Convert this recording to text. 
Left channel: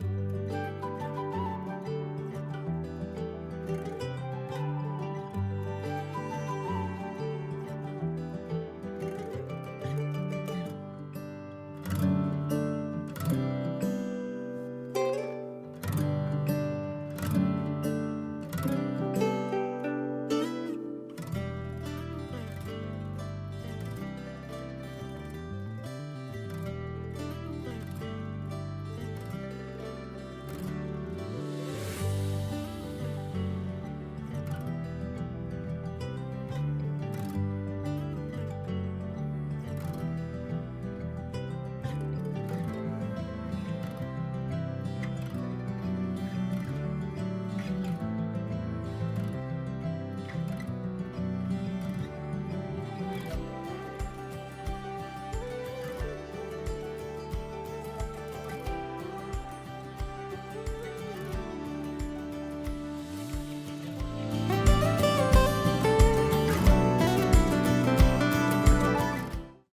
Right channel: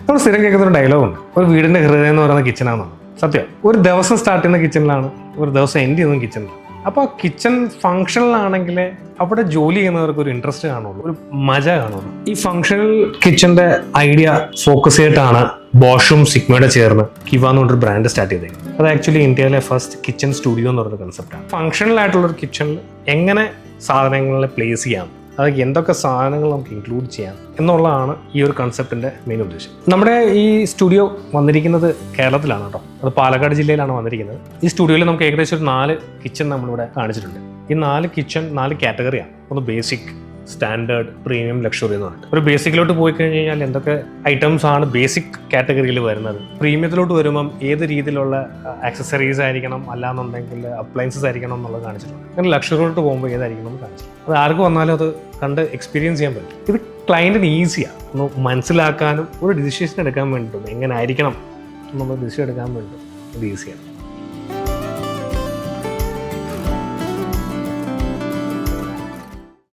നമ്മൾ സ്ഥിരം കേൾക്കുന്ന ഒരു ഡയലോഗുണ്ട്, ഒരു വീടിൻ്റെ ഹൃദയം എന്ന് പറയുന്ന കിച്ചണാണെന്നാണ്. സത്യം. ഒരു ദിവസം സ്റ്റാർട്ട് ചെയ്യുന്ന കിച്ചണിലാണ്, ഒരു ദിവസം എൻഡ് ചെയ്യുന്ന കിച്ചണിലാണ്. അപ്പോൾ കിച്ചൺ ഫങ്ഷണലാണെങ്കിൽ അവിടെ ജോലി ചെയ്യുന്നവർക്ക് ഒരു ഇൻട്രസ്റ്റ് കാണുള്ളൂ, ഒരു മജ കാണുള്ളൂ. ഈ ഫങ്ഷണൽ കിച്ചൻ്റെ ഐഡിയ ഫോക്കസ് ചെയ്തിട്ടാണ് ബോഷും സിഗ്മയുടെ ചേർന്ന് കിവ എന്ന് പറഞ്ഞൊരു ബ്രാൻഡ് സ്റ്റാർട്ട് ചെയ്തത്. അത് ആക്ച്വലി ഇന്ത്യയിലെ ഫസ്റ്റ് കിച്ചൺ സ്റ്റുഡിയോ എന്ന് പറയുന്ന കൺസെപ്റ്റാണ്. ഫങ്ഷണൽ ആയിട്ടുള്ളൊരു കിച്ചണിൽ എങ്ങനെ സാധനങ്ങളെ പ്ലേസ് ചെയ്യാം, അത് എന്തൊക്കെ സാധനങ്ങൾ നമുക്ക് ഇൻക്ലൂഡ് ചെയ്യാം എന്നുള്ളതാണ് ഈ ഒരു കൺസെപ്റ്റിൻ്റെ മെയിൻ ഉദ്ദേശം. നമ്മുടെ ഈ സ്റ്റുഡിയോ വന്നിരിക്കുന്നത് കേരളത്തിലാണ് കേട്ടോ. അത് പാലക്കാട് ജില്ലയിലാണ് വന്നിരിക്കുന്നത്. ഈ സ്റ്റുഡിയോയിൽ നമുക്ക് ഏകദേശം ഒരു 4 കിച്ചൺ നമ്മളിവിടെ കാണിച്ചിട്ടുണ്ട്. ഈ 4 കിച്ചൺ 4 കാറ്റഗറിയാണ്. ഒന്ന് ബേസിക്, സ്റ്റാൻഡേർഡ്, പ്രീമിയം, ലക്ഷറി എന്ന് പറഞ്ഞിട്ട്. ഒരു ബേസിക്കിലോട്ട് പോയി കഴിഞ്ഞ് കഴിഞ്ഞാൽ എന്തൊക്കെ ഐറ്റംസ് ആണ് ബേസിക് കാറ്റഗറിയിൽ വരുന്നത്, പ്രീമിയത്തിലോട്ട് വരുമ്പം ഏത് രീതിയിലുള്ള ആക്സസറീസ് ആയിരിക്കണം, അല്ലാന്നുണ്ടെങ്കിൽ അപ്ലയൻസസ് ആയിരിക്കണം എന്നുള്ളത് കാണിച്ചിട്ടുണ്ട്. അങ്ങനെ ലക്ഷറിയിലോട്ട് പോകുമ്പോൾ ഏതായിരിക്കണം എന്ന് കാണിച്ചിട്ടുണ്ട്. അത് ആർക്ക് വന്നാലും അത് കണ്ട് എക്സ്പീരിയൻസ് ചെയ്യാൻ പറ്റും. ഇത് ക്ലയൻറ്റിന് ഈസിയാണ് ഒന്ന് മനസ്സിലാക്കാനും ഒരു ഡിസിഷൻ എടുക്കാൻ വേണ്ടിയിട്ടും എങ്ങനെ ആയിരിക്കണം എന്നുള്ള ഡിസിഷൻ എടുക്കാൻ വേണ്ടിയിട്ടും ഇത് ഈസിയാണ്.